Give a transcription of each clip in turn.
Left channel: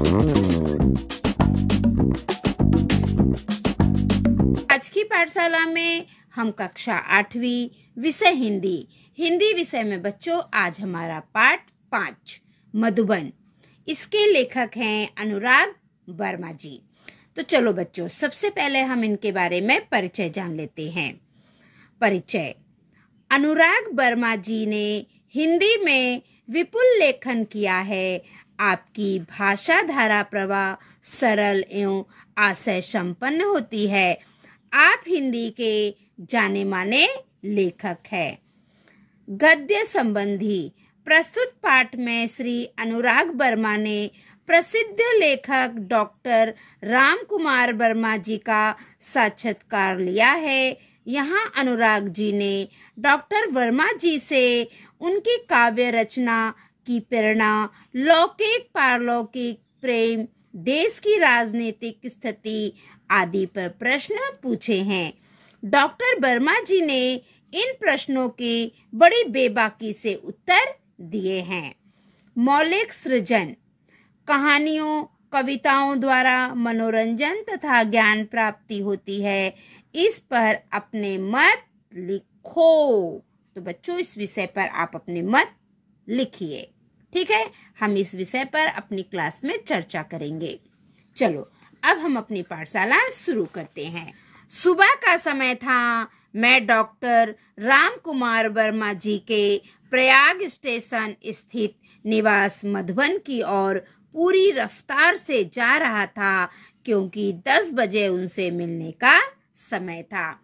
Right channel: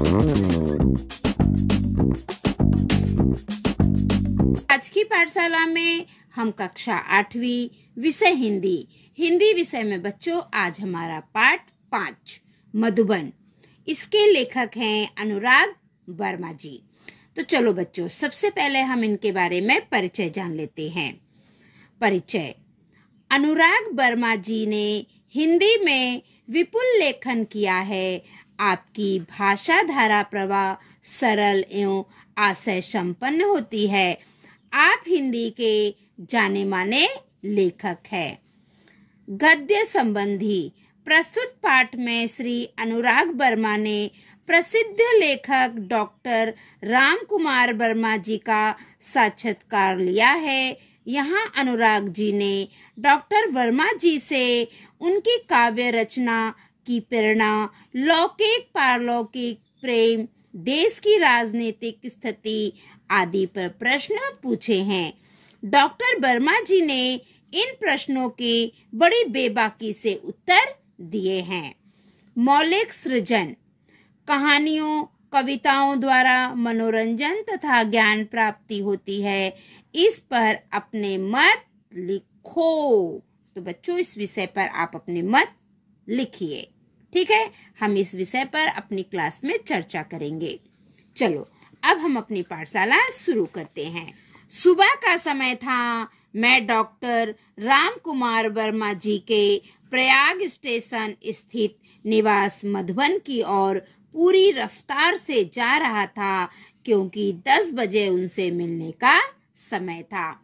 आज की पाठशाला में हम कक्षा 8वीं विषय हिंदी विषय में बच्चों आज हमारा पाठ 5 मधुबन। इसके लेखक हैं अनुराग वर्मा जी। तो चलो बच्चों, सबसे पहले हम इनके बारे में परिचय जान लेते हैं। परिचय। अनुराग वर्मा जी ने हिंदी में विपुल लेखन किया है। आपकी भाषा धारा प्रवाह सरल एवं आशय संपन्न होती है। आप हिंदी के जाने माने लेखक हैं। गद्य संबंधी प्रस्तुत पाठ में श्री अनुराग वर्मा ने प्रसिद्ध लेखक डॉक्टर राम कुमार वर्मा जी का साक्षात्कार लिया है। यहाँ अनुराग जी ने डॉक्टर वर्मा जी से उनकी काव्य रचना की प्रेरणा, लौकिक पारलौकिक प्रेम, देश की राजनीतिक स्थिति आदि पर प्रश्न पूछे हैं। डॉक्टर वर्मा जी ने इन प्रश्नों के बड़ी बेबाकी से उत्तर दिए हैं। मौलिक सृजन। कहानियों, कविताओं द्वारा मनोरंजन तथा ज्ञान प्राप्ति होती है। इस पर अपने मत लिखो। तो बच्चों, इस विषय पर आप अपने मत लिखिए। ठीक है, हम इस विषय पर अपनी क्लास में चर्चा करेंगे। चलो, अब हम अपनी पाठशाला शुरू करते हैं। सुबह का समय था। मैं डॉक्टर राम कुमार वर्मा जी के प्रयाग स्टेशन स्थित निवास मधुबन की ओर पूरी रफ्तार से जा रहा था, क्योंकि 10 बजे उनसे मिलने का समय था।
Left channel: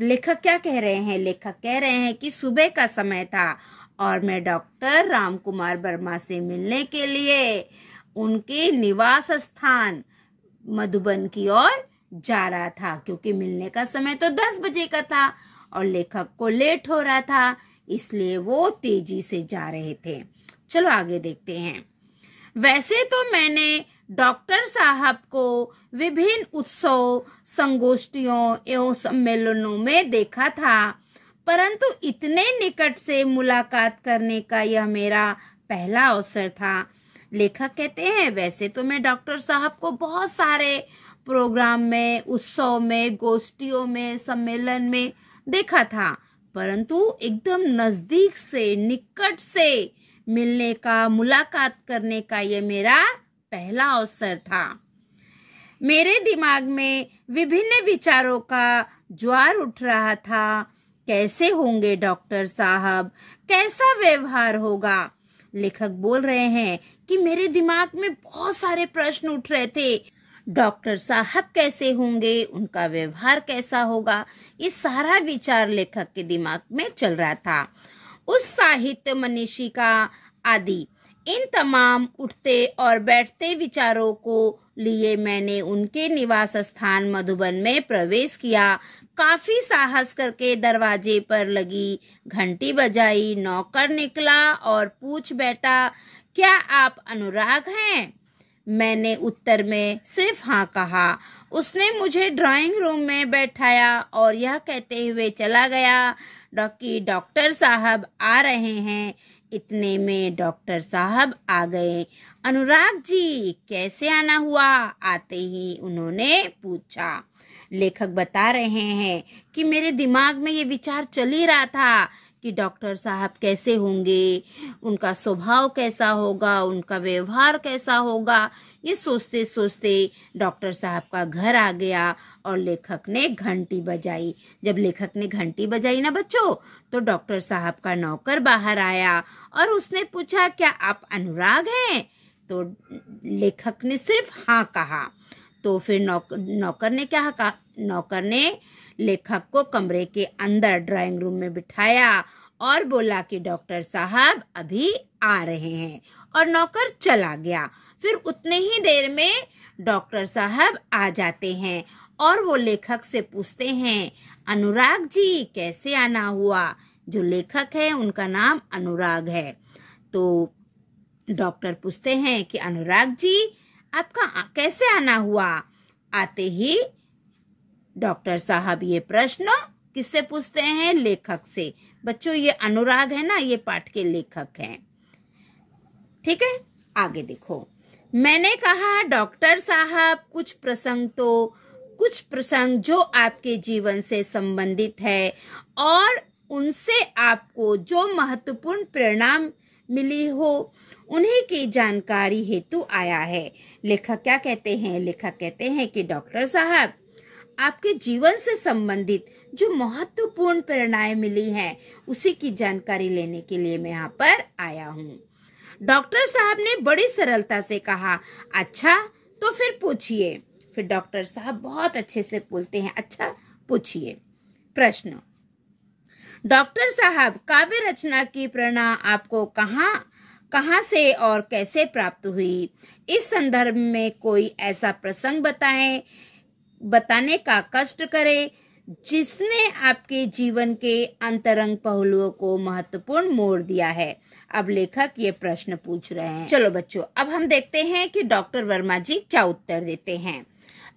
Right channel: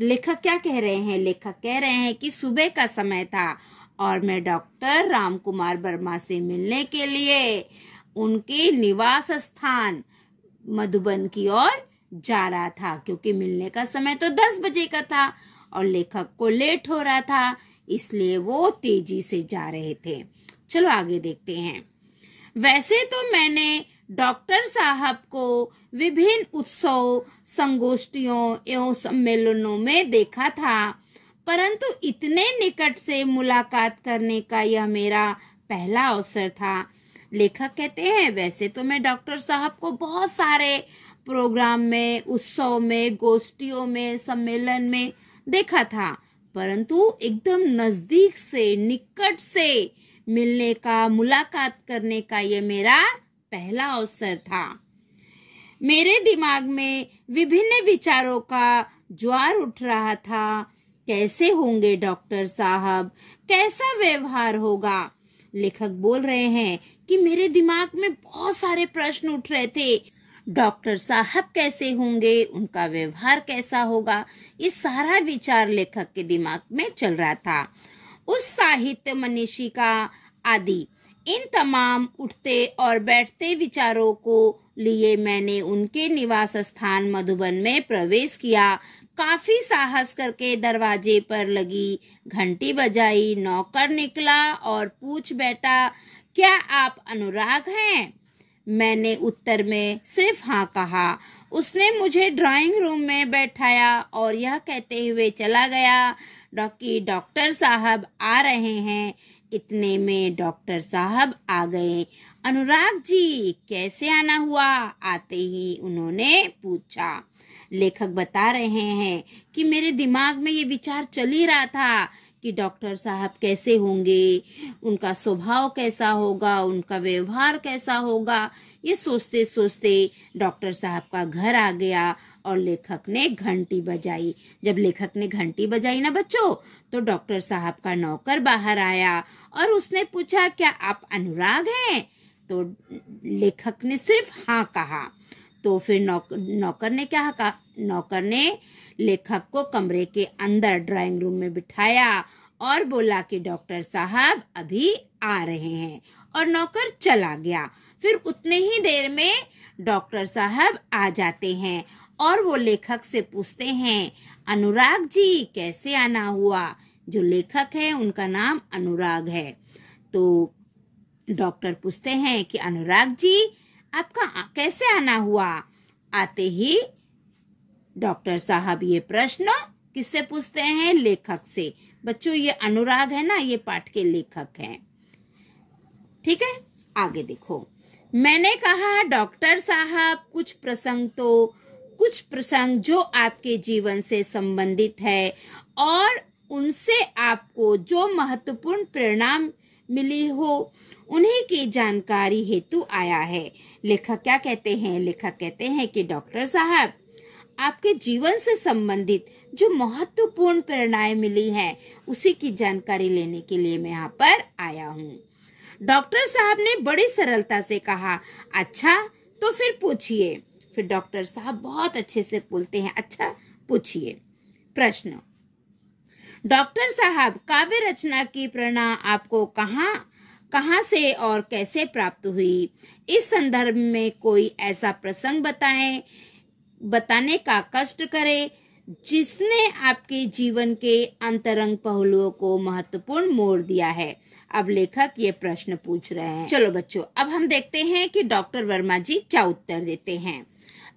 लेखक क्या कह रहे हैं? लेखक कह रहे हैं कि सुबह का समय था और मैं डॉक्टर राम कुमार वर्मा से मिलने के लिए उनके निवास स्थान मधुबन की ओर जा रहा था, क्योंकि मिलने का समय तो 10 बजे का था और लेखक को लेट हो रहा था, इसलिए वो तेजी से जा रहे थे। चलो आगे देखते हैं। वैसे तो मैंने डॉक्टर साहब को विभिन्न उत्सव, संगोष्ठियों एवं सम्मेलनों में देखा था, परंतु इतने निकट से मुलाकात करने का यह मेरा पहला अवसर था। लेखक कहते हैं, वैसे तो मैं डॉक्टर साहब को बहुत सारे प्रोग्राम में, उत्सव में, गोष्ठियों में, सम्मेलन में देखा था, परंतु एकदम नजदीक से, निकट से मिलने का, मुलाकात करने का ये मेरा पहला अवसर था। मेरे दिमाग में विभिन्न विचारों का ज्वार उठ रहा था। कैसे होंगे डॉक्टर साहब? कैसा व्यवहार होगा? लेखक बोल रहे हैं कि मेरे दिमाग में बहुत सारे प्रश्न उठ रहे थे। डॉक्टर साहब कैसे होंगे? उनका व्यवहार कैसा होगा? ये सारा विचार लेखक के दिमाग में चल रहा था। उस साहित्य मनीषी का आदि इन तमाम उठते और बैठते विचारों को लिए मैंने उनके निवास स्थान मधुबन में प्रवेश किया। काफी साहस करके दरवाजे पर लगी घंटी बजाई। नौकर निकला और पूछ बैठा, क्या आप अनुराग हैं? मैंने उत्तर में सिर्फ हाँ कहा। उसने मुझे ड्राइंग रूम में बैठाया और यह कहते हुए चला गया कि डॉक्टर साहब आ रहे हैं। इतने में डॉक्टर साहब आ गए। अनुराग जी, कैसे आना हुआ? आते ही उन्होंने पूछा। लेखक बता रहे हैं कि मेरे दिमाग में ये विचार चल ही रहा था कि डॉक्टर साहब कैसे होंगे, उनका स्वभाव कैसा होगा, उनका व्यवहार कैसा होगा। ये सोचते सोचते डॉक्टर साहब का घर आ गया और लेखक ने घंटी बजाई। जब लेखक ने घंटी बजाई ना बच्चों, तो डॉक्टर साहब का नौकर बाहर आया और उसने पूछा, क्या आप अनुराग हैं? तो लेखक ने सिर्फ हाँ कहा। तो फिर नौकर ने क्या कहा? नौकर ने लेखक को कमरे के अंदर ड्राइंग रूम में बिठाया और बोला कि डॉक्टर साहब अभी आ रहे हैं, और नौकर चला गया। फिर उतने ही देर में डॉक्टर साहब आ जाते हैं और वो लेखक से पूछते हैं, अनुराग जी कैसे आना हुआ? जो लेखक है उनका नाम अनुराग है। तो डॉक्टर पूछते हैं कि अनुराग जी आपका कैसे आना हुआ? आते ही डॉक्टर साहब ये प्रश्न किससे पूछते हैं? लेखक से। बच्चों, ये अनुराग है ना, ये पाठ के लेखक हैं। ठीक है, आगे देखो। मैंने कहा, डॉक्टर साहब, कुछ प्रसंग जो आपके जीवन से संबंधित है और उनसे आपको जो महत्वपूर्ण प्रेरणा मिली हो, उन्हीं की जानकारी हेतु आया है। लेखक क्या कहते हैं? लेखक कहते हैं कि डॉक्टर साहब, आपके जीवन से संबंधित जो महत्वपूर्ण प्रेरणाएं मिली हैं, उसी की जानकारी लेने के लिए मैं यहाँ पर आया हूँ। डॉक्टर साहब ने बड़ी सरलता से कहा, अच्छा तो फिर पूछिए। फिर डॉक्टर साहब बहुत अच्छे से बोलते हैं, अच्छा पूछिए। प्रश्न, डॉक्टर साहब, काव्य रचना की प्रेरणा आपको कहाँ से और कैसे प्राप्त हुई? इस संदर्भ में कोई ऐसा प्रसंग बताने का कष्ट करे जिसने आपके जीवन के अंतरंग पहलुओं को महत्वपूर्ण मोड़ दिया है। अब लेखक ये प्रश्न पूछ रहे हैं। चलो बच्चों, अब हम देखते हैं कि डॉक्टर वर्मा जी क्या उत्तर देते हैं।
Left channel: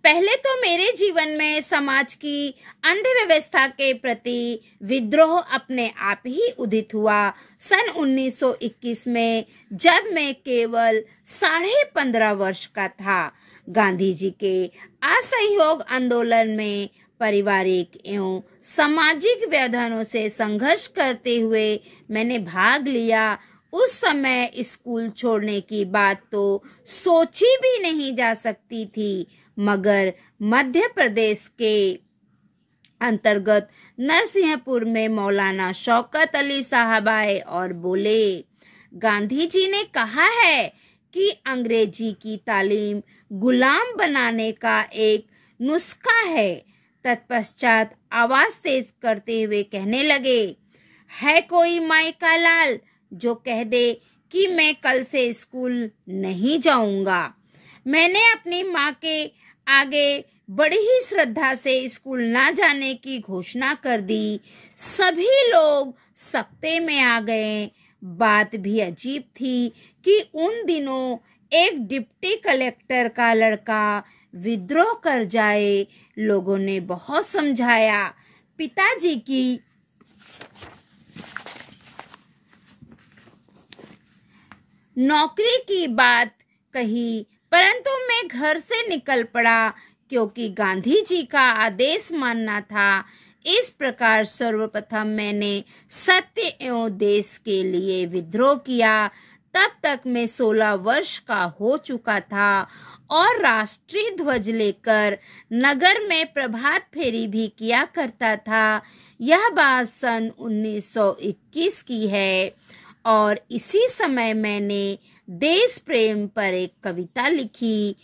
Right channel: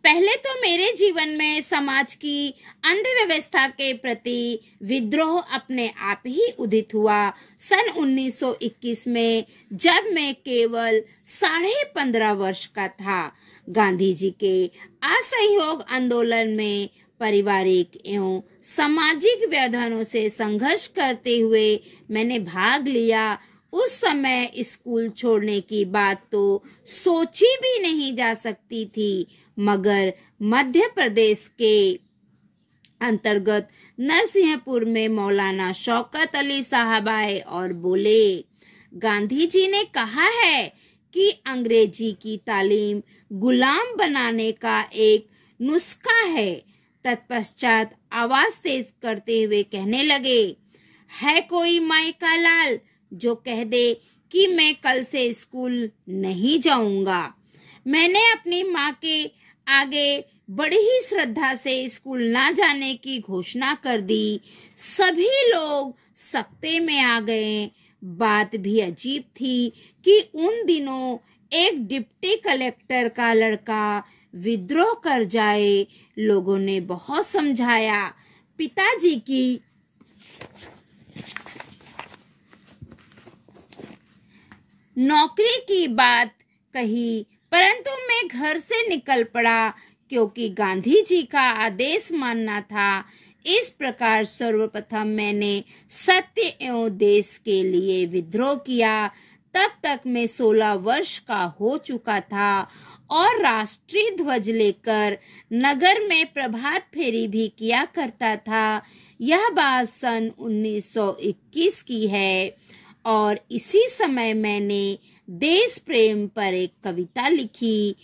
पहले तो मेरे जीवन में समाज की अंधव्यवस्था के प्रति विद्रोह अपने आप ही उदित हुआ। सन 1921 में, जब मैं केवल 15.5 वर्ष का था, गांधी जी के असहयोग आंदोलन में पारिवारिक एवं सामाजिक व्यवधानों से संघर्ष करते हुए मैंने भाग लिया। उस समय स्कूल छोड़ने की बात तो सोची भी नहीं जा सकती थी, मगर मध्य प्रदेश के अंतर्गत नरसिंहपुर में मौलाना शौकत अली साहब आए और बोले, गांधी जी ने कहा है कि अंग्रेजी की तालीम गुलाम बनाने का एक नुस्खा है। तत्पश्चात आवाज तेज करते हुए कहने लगे, है कोई माई का लाल जो कह दे कि मैं कल से स्कूल नहीं जाऊंगा। मैंने अपनी माँ के आगे बड़ी ही श्रद्धा से स्कूल ना जाने की घोषणा कर दी। सभी लोग सकते में आ गए। बात भी अजीब थी कि उन दिनों एक डिप्टी कलेक्टर का लड़का विद्रोह कर जाए। लोगों ने बहुत समझाया, पिताजी की नौकरी की बात कही, परंतु मैं घर से निकल पड़ा क्योंकि गांधी जी का आदेश मानना था। इस प्रकार सर्वप्रथम मैंने सत्य एवं देश के लिए विद्रोह किया। तब तक मैं 16 वर्ष का हो चुका था और राष्ट्रीय ध्वज लेकर नगर में प्रभात फेरी भी किया करता था। यह बात सन 1921 की है और इसी समय मैंने देश प्रेम पर एक कविता लिखी।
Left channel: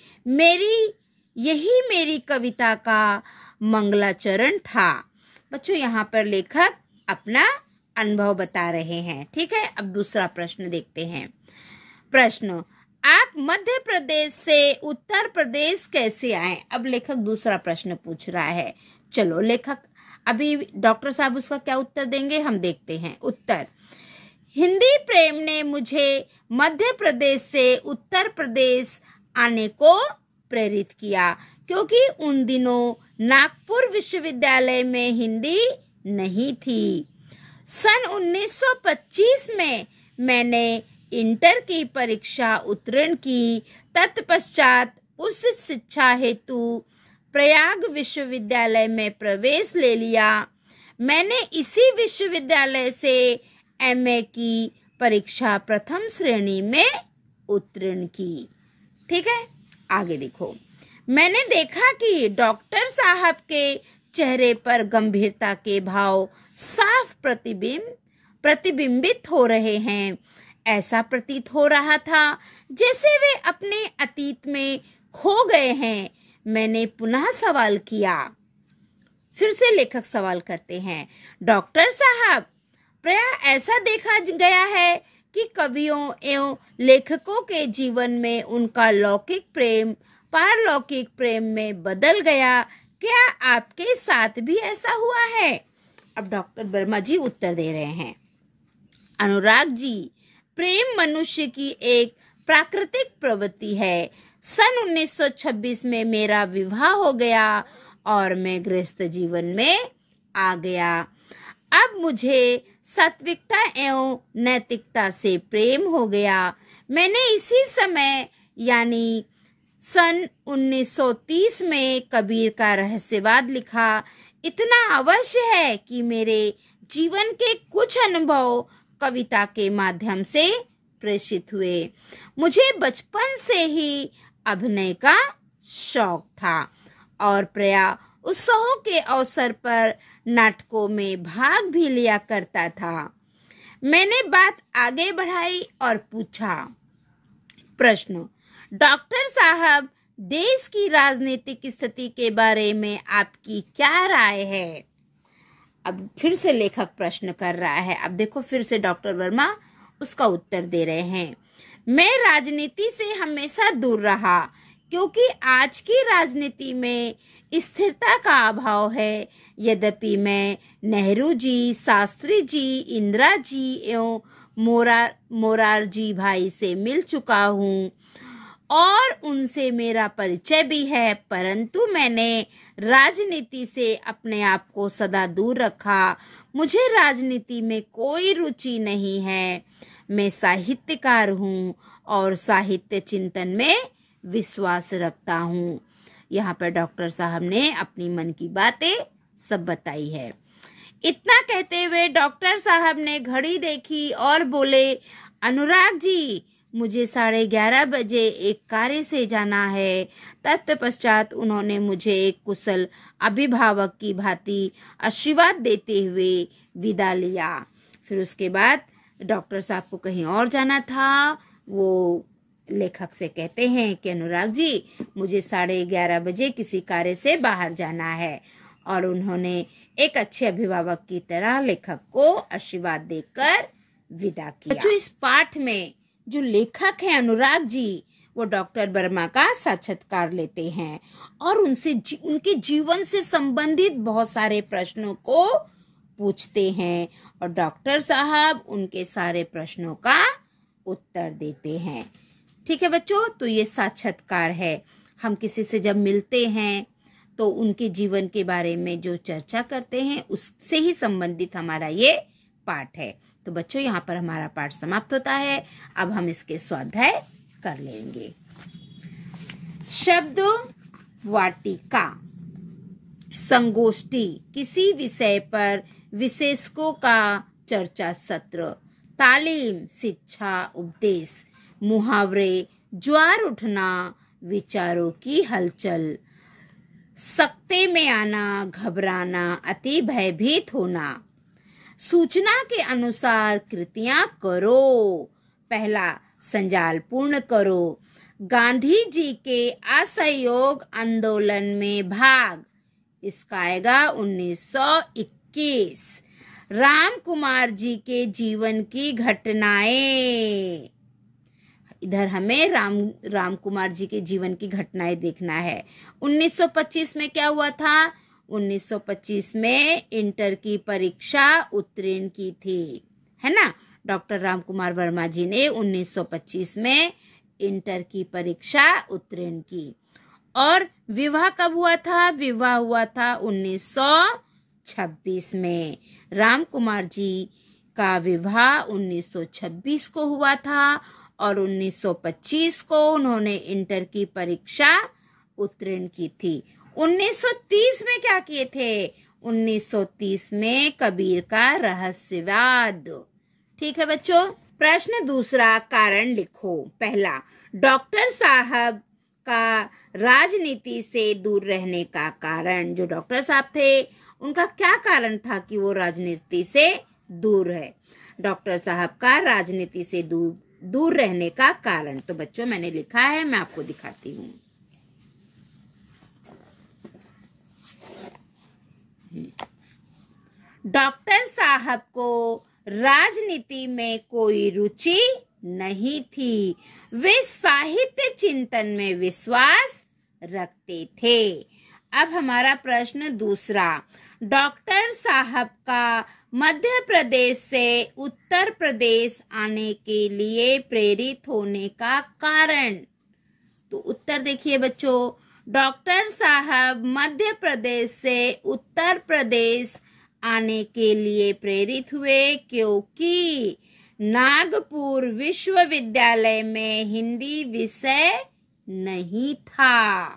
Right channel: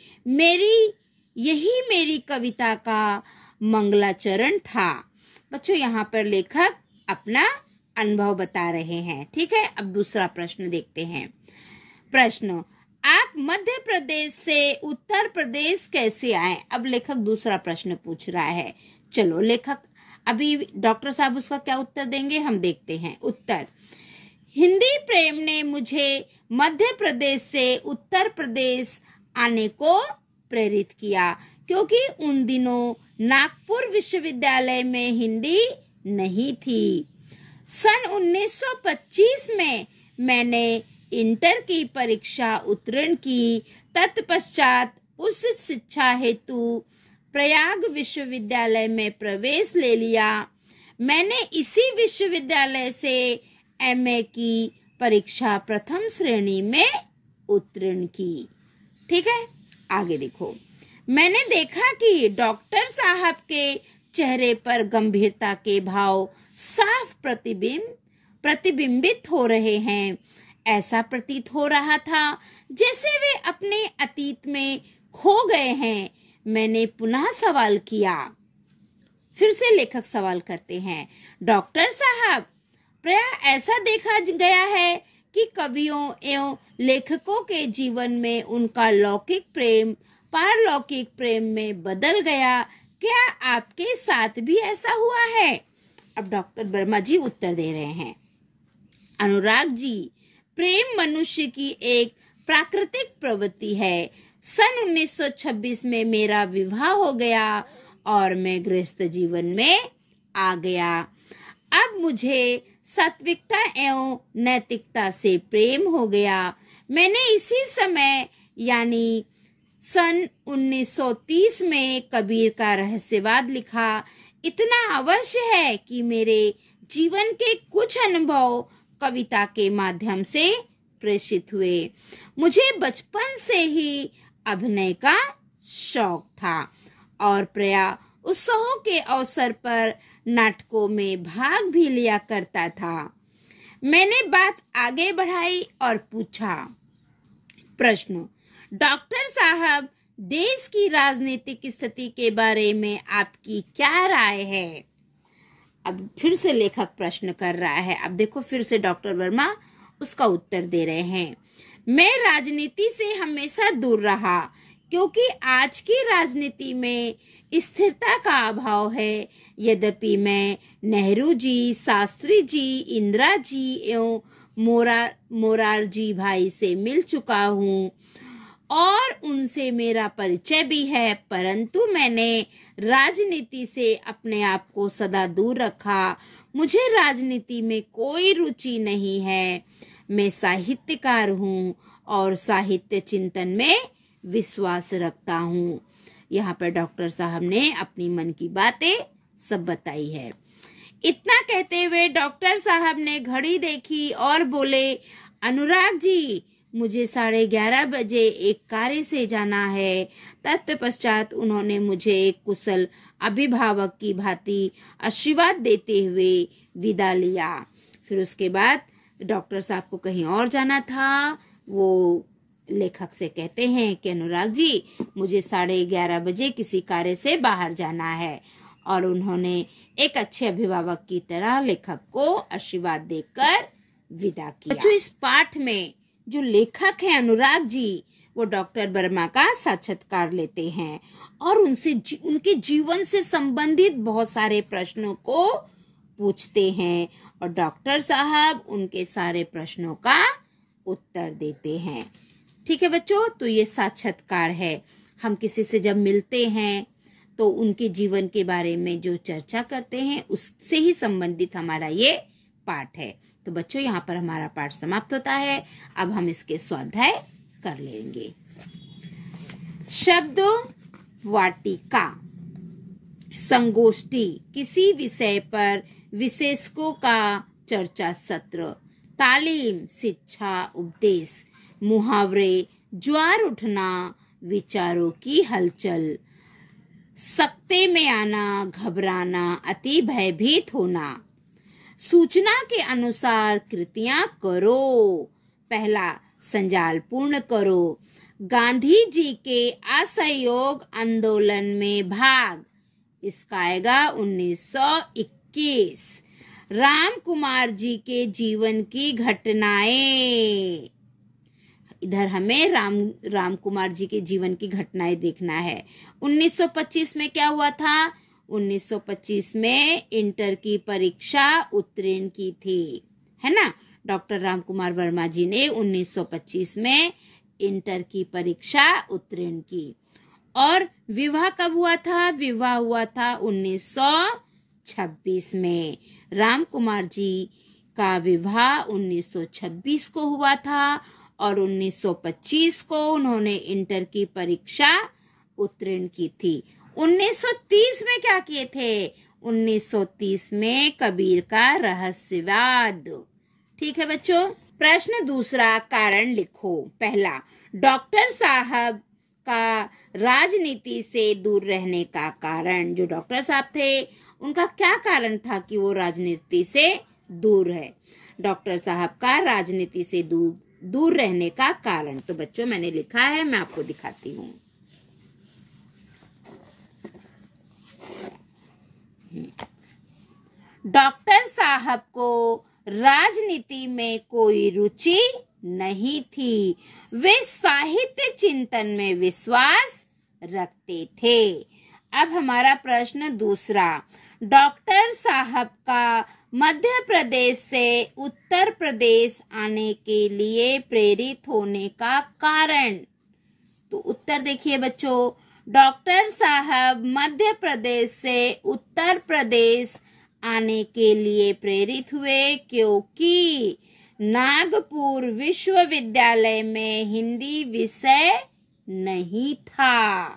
यही मेरी कविता का मंगलाचरण था। बच्चों, यहाँ पर लेखक अपना अनुभव बता रहे हैं। ठीक है, अब दूसरा प्रश्न देखते हैं। प्रश्न, आप मध्य प्रदेश से उत्तर प्रदेश कैसे आए? अब लेखक दूसरा प्रश्न पूछ रहा है। चलो, लेखक अभी डॉक्टर साहब उसका क्या उत्तर देंगे, हम देखते हैं। उत्तर, हिंदी प्रेम ने मुझे मध्य प्रदेश से उत्तर प्रदेश आने को प्रेरित किया, क्योंकि उन दिनों नागपुर विश्वविद्यालय में हिंदी नहीं थी। सन 1925 में मैंने इंटर की परीक्षा उत्तीर्ण की। तत्पश्चात उस शिक्षा हेतु प्रयाग विश्वविद्यालय में प्रवेश ले लिया। मैंने इसी विश्वविद्यालय से एमए की परीक्षा प्रथम श्रेणी में उत्तीर्ण की। ठीक है, आगे देखो। मैंने देखा कि डॉक्टर साहब के चेहरे पर गंभीरता के भाव साफ प्रतिबिंबित हो रहे हैं। ऐसा प्रतीत हो रहा था जैसे वे अपने अतीत में खो गए हैं। मैंने पुनः सवाल किया। फिर से लेखक सवाल करते हैं, डॉक्टर साहब, प्रायः ऐसा देखा गया है कि कवियों एवं लेखकों के जीवन में उनका लौकिक प्रेम पारलौकिक प्रेम में बदल गया। क्या आपके साथ भी ऐसा हुआ है? अब डॉक्टर वर्मा जी उत्तर दे रहे हैं। अनुराग जी, प्रेम मनुष्य की एक प्राकृतिक प्रवृत्ति है। सन 1926 में मेरा विवाह हो गया और मैं गृहस्थ जीवन में आ गया। अब मुझे सात्विकता एवं नैतिकता से प्रेम हो गया। मैंने इसी समय यानी सन 1930 में कबीर का रहस्यवाद लिखा। इतना अवश्य है कि मेरे जीवन के कुछ अनुभव कविता के माध्यम से प्रेषित हुए। मुझे बचपन से ही अभिनय का शौक था और प्रायः उत्सवों के अवसर पर नाटकों में भाग भी लिया करता था। मैंने बात आगे बढ़ाई और पूछा, प्रश्न, डॉक्टर साहब, देश की राजनीतिक स्थिति के बारे में आपकी क्या राय है? अब फिर से लेखक प्रश्न कर रहा है। अब देखो फिर से डॉक्टर वर्मा उसका उत्तर दे रहे हैं। मैं राजनीति से हमेशा दूर रहा क्योंकि आज की राजनीति में स्थिरता का अभाव है। यद्यपि मैं नेहरू जी, शास्त्री जी, इंदिरा जी एवं मोरारजी भाई से मिल चुका हूँ और उनसे मेरा परिचय भी है, परंतु मैंने राजनीति से अपने आप को सदा दूर रखा। मुझे राजनीति में कोई रुचि नहीं है। मैं साहित्यकार हूँ और साहित्य चिंतन में विश्वास रखता हूँ। यहाँ पर डॉक्टर साहब ने अपनी मन की बातें सब बताई है। इतना कहते हुए डॉक्टर साहब ने घड़ी देखी और बोले, अनुराग जी, मुझे 11:30 बजे एक कार्य से जाना है। तत्पश्चात उन्होंने मुझे एक कुशल अभिभावक की भांति आशीर्वाद देते हुए विदा लिया। फिर उसके बाद डॉक्टर साहब को कहीं और जाना था। वो लेखक से कहते हैं कि अनुराग जी, मुझे 11:30 बजे किसी कार्य से बाहर जाना है, और उन्होंने एक अच्छे अभिभावक की तरह लेखक को आशीर्वाद देकर विदा किया। जो इस पाठ में जो लेखक है अनुराग जी, वो डॉक्टर वर्मा का साक्षात्कार लेते हैं और उनसे उनके जीवन से संबंधित बहुत सारे प्रश्नों को पूछते हैं और डॉक्टर साहब उनके सारे प्रश्नों का उत्तर देते हैं। ठीक है बच्चों, तो ये साक्षात्कार है। हम किसी से जब मिलते हैं तो उनके जीवन के बारे में जो चर्चा करते हैं उससे ही संबंधित हमारा ये पाठ है। तो बच्चों, यहाँ पर हमारा पाठ समाप्त होता है। अब हम इसके स्वाध्याय कर लेंगे। शब्द वाटिका, संगोष्ठी, किसी विषय पर विशेषज्ञों का चर्चा सत्र, तालीम, शिक्षा, उपदेश, मुहावरे, ज्वार उठना, विचारों की हलचल, सकते में आना, घबराना, अति भयभीत होना, सूचना के अनुसार कृतियां करो, पहला संजाल पूर्ण करो, गांधी जी के असहयोग आंदोलन में भाग, इसका आएगा 1921, राम कुमार जी के जीवन की घटनाएं, इधर हमें राम कुमार जी के जीवन की घटनाएं देखना है। 1925 में क्या हुआ था? 1925 में इंटर की परीक्षा उत्तीर्ण की थी, है ना। डॉक्टर राम कुमार वर्मा जी ने 1925 में इंटर की परीक्षा उत्तीर्ण की। और विवाह कब हुआ था? विवाह हुआ था 1926 में। राम कुमार जी का विवाह 1926 को हुआ था और 1925 को उन्होंने इंटर की परीक्षा उत्तीर्ण की थी। 1930 में क्या किए थे? 1930 में कबीर का रहस्यवाद। ठीक है बच्चों। प्रश्न दूसरा, कारण लिखो। पहला, डॉक्टर साहब का राजनीति से दूर रहने का कारण। जो डॉक्टर साहब थे उनका क्या कारण था कि वो राजनीति से दूर है? डॉक्टर साहब का राजनीति से दूर रहने का कारण। तो बच्चों मैंने लिखा है, मैं आपको दिखाती हूँ। डॉक्टर साहब को राजनीति में कोई रुचि नहीं थी। वे साहित्य चिंतन में विश्वास रखते थे। अब हमारा प्रश्न दूसरा, डॉक्टर साहब का मध्य प्रदेश से उत्तर प्रदेश आने के लिए प्रेरित होने का कारण। तो उत्तर देखिए बच्चों, डॉक्टर साहब मध्य प्रदेश से उत्तर प्रदेश आने के लिए प्रेरित हुए क्योंकि नागपुर विश्वविद्यालय में हिंदी विषय नहीं था।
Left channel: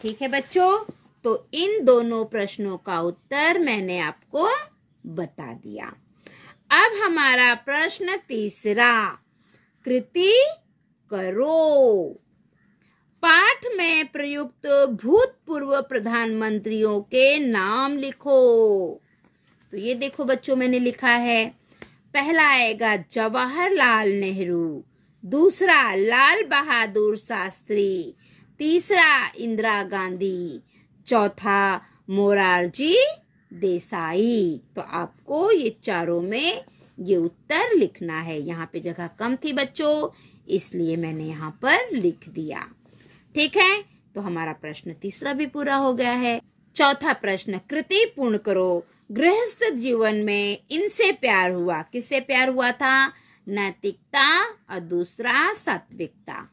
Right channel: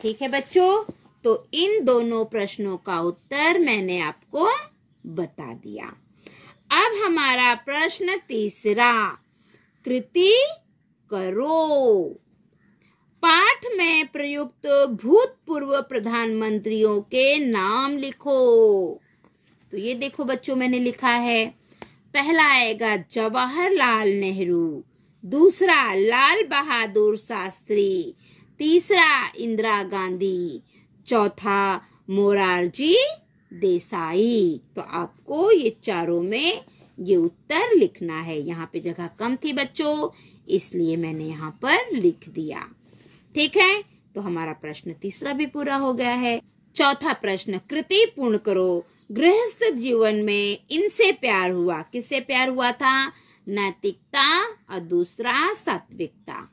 ठीक है बच्चों, तो इन दोनों प्रश्नों का उत्तर मैंने आपको बता दिया। अब हमारा प्रश्न तीसरा, कृति करो। पाठ में प्रयुक्त भूतपूर्व प्रधानमंत्रियों के नाम लिखो। तो ये देखो बच्चों, मैंने लिखा है, पहला आएगा जवाहरलाल नेहरू, दूसरा लाल बहादुर शास्त्री, तीसरा इंदिरा गांधी, चौथा मोरारजी देसाई। तो आपको ये चारों में ये उत्तर लिखना है। यहाँ पे जगह कम थी बच्चों, इसलिए मैंने यहाँ पर लिख दिया। ठीक है, तो हमारा प्रश्न तीसरा भी पूरा हो गया है। चौथा प्रश्न, कृति पूर्ण करो। गृहस्थ जीवन में इनसे प्यार हुआ। किससे प्यार हुआ था? नैतिकता और दूसरा सात्विकता।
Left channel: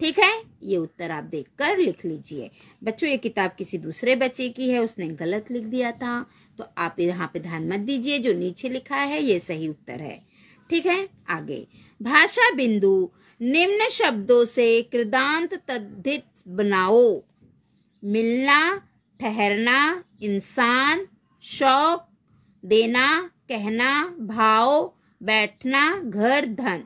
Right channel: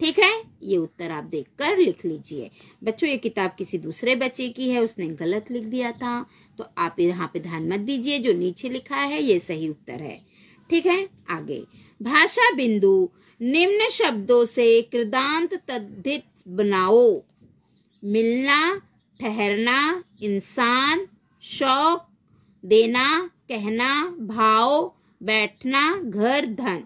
ठीक है, ये उत्तर आप देखकर लिख लीजिए। बच्चों, ये किताब किसी दूसरे बच्चे की है, उसने गलत लिख दिया था, तो आप यहाँ पे ध्यान मत दीजिए। जो नीचे लिखा है ये सही उत्तर है। ठीक है, आगे, भाषा बिंदु निम्न शब्दों से कृदांत तद्धित बनाओ। मिलना, ठहरना, इंसान, शौक, देना, कहना, भाव, बैठना, घर, धन।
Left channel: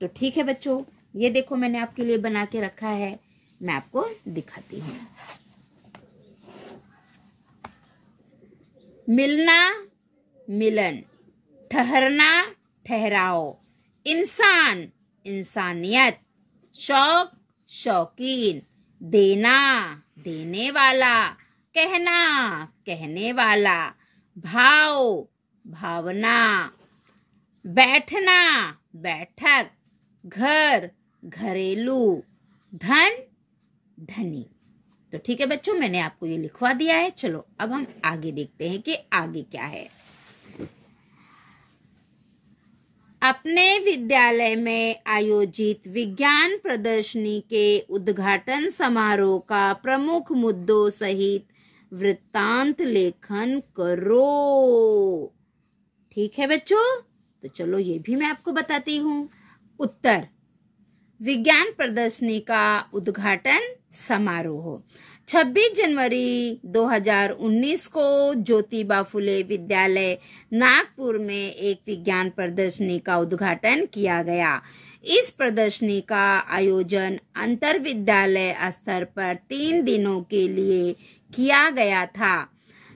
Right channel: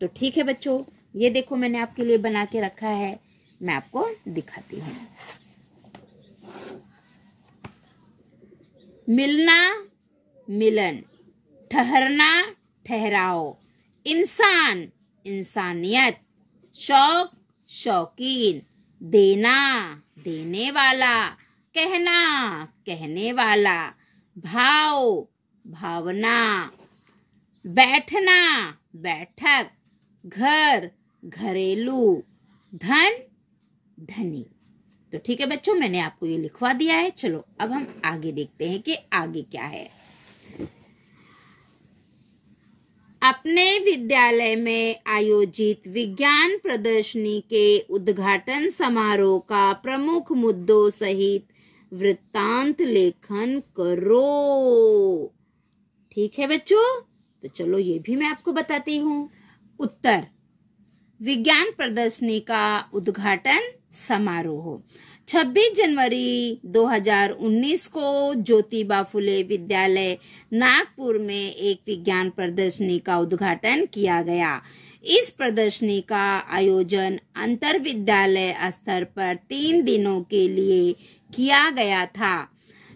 तो ठीक है बच्चों, ये देखो मैंने आपके लिए बना के रखा है, मैं आपको दिखाती हूँ। मिलना, मिलन, ठहरना, ठहराव, इंसान, इंसानियत, शौक, शौकीन, देना, देने वाला, कहना, कहने वाला, भाव, भावना, बैठना, बैठक, घर, घरेलू, धन, धनी। तो ठीक है बच्चों, मैंने आपको ये लिखवा दिया है। चलो अब हम आगे देखते हैं कि आगे क्या है। अपने विद्यालय में आयोजित विज्ञान प्रदर्शनी के उद्घाटन समारोह का प्रमुख मुद्दों सहित वृत्तांत लेखन करो। ठीक है बच्चों, तो चलो ये भी मैं आपको बताती हूँ। उत्तर, विज्ञान प्रदर्शनी का उद्घाटन समारोह 26 जनवरी 2019 को ज्योतिबा फुले विद्यालय नागपुर में एक विज्ञान प्रदर्शनी का उद्घाटन किया गया। इस प्रदर्शनी का आयोजन अंतर विद्यालय स्तर पर 3 दिनों के लिए किया गया था।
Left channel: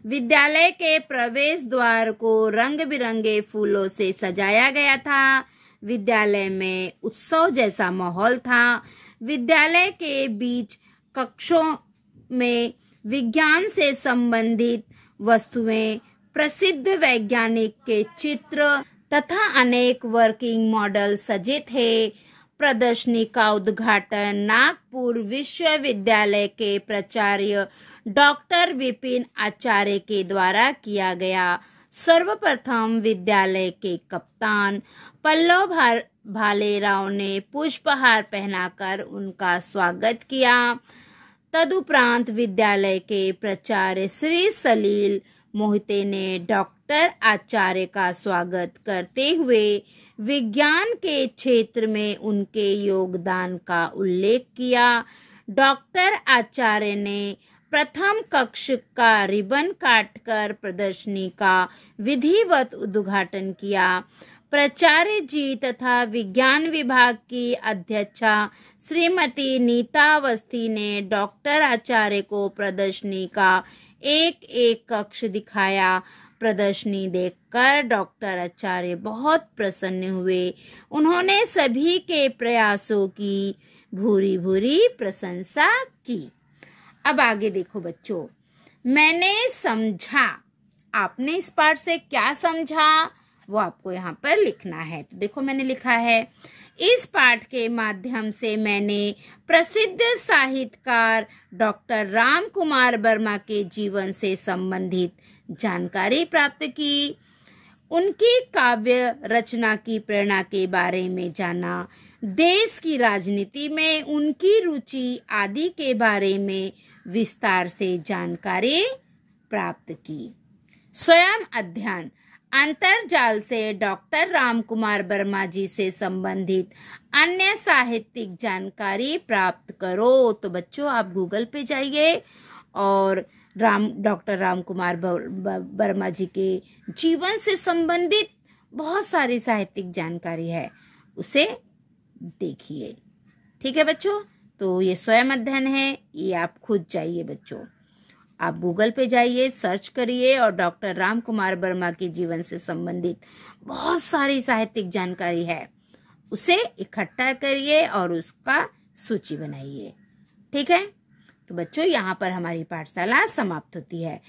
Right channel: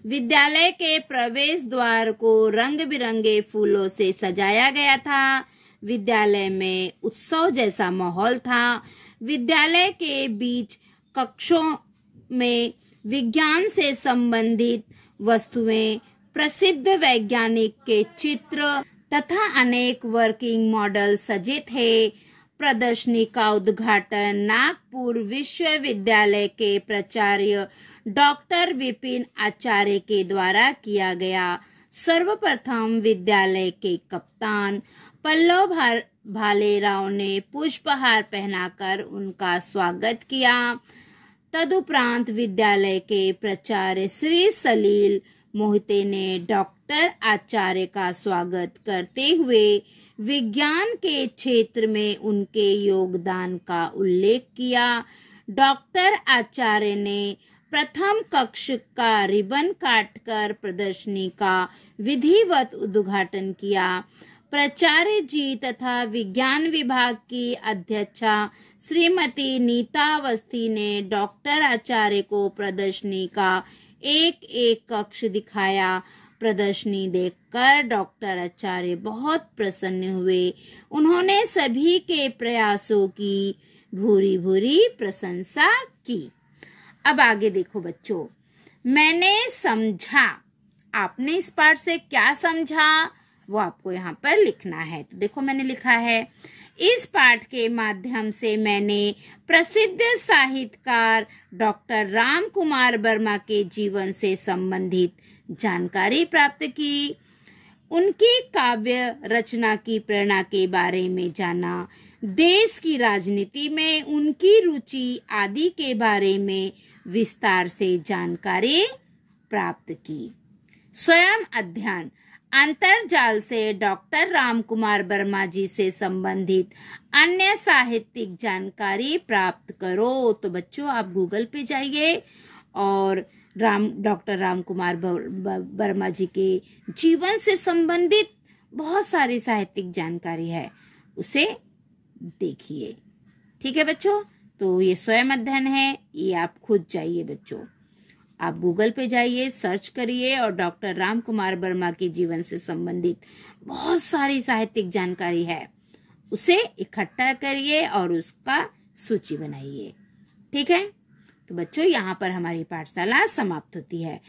विद्यालय के प्रवेश द्वार को रंग बिरंगे फूलों से सजाया गया था। विद्यालय में उत्सव जैसा माहौल था। विद्यालय के बीच कक्षों में विज्ञान से संबंधित वस्तुएं, प्रसिद्ध वैज्ञानिक के चित्र तथा अनेक वर्किंग मॉडल सजे थे। प्रदर्शनी का उद्घाटन नागपुर विश्वविद्यालय के प्राचार्य डॉक्टर विपिन आचार्य के द्वारा किया गया। सर्वप्रथम विद्यालय के कप्तान पल्लव भालेराव ने पुष्पहार पहनाकर उनका स्वागत किया। तदुपरांत विद्यालय के प्राचार्य श्री सलील मोहिते ने डॉक्टर आचार्य का स्वागत करते हुए विज्ञान के क्षेत्र में उनके योगदान का उल्लेख किया। डॉक्टर आचार्य ने प्रथम कक्ष का रिबन काटकर प्रदर्शनी का विधिवत उद्घाटन किया। प्राचार्य जी तथा विज्ञान विभाग की अध्यक्षा श्रीमती नीता अवस्थी ने डॉक्टर आचार्य को प्रदर्शनी का एक एक कक्ष दिखाया। प्रदर्शनी देखकर डॉक्टर आचार्य बहुत प्रसन्न हुए। उन्होंने सभी के प्रयासों की भूरी भूरी प्रशंसा की। अब आगे देखो बच्चों, मैंने समझा, आपने इस पाठ से क्या समझा वो आपको यहाँ पर लिखना है। तो देखो मैंने लिखा है, इस पाठ के माध्यम से मैंने प्रसिद्ध साहित्यकार डॉक्टर राम कुमार वर्मा के जीवन से संबंधित जानकारी प्राप्त की। उनकी काव्य रचना की प्रेरणा के बारे में जाना। देश की राजनीति में उनकी रुचि आदि के बारे में विस्तार से जानकारी प्राप्त की। स्वयं अध्ययन, अंतरजाल से डॉक्टर रामकुमार वर्मा जी से संबंधित अन्य साहित्यिक जानकारी प्राप्त करो। तो बच्चों आप गूगल पे जाइए और डॉक्टर रामकुमार वर्मा जी के जीवन से संबंधित बहुत सारी साहित्यिक जानकारी है, उसे देखिए। ठीक है बच्चों, तो ये स्वयं अध्ययन है, ये आप खुद जाइए बच्चों, आप गूगल पे जाइए, सर्च करिए और डॉक्टर रामकुमार वर्मा के जीवन से संबंधित बहुत सारी साहित्यिक जानकारी है, उसे इकट्ठा करिए और उसका सूची बनाइए। ठीक है, तो बच्चों यहाँ पर हमारी पाठशाला समाप्त होती है।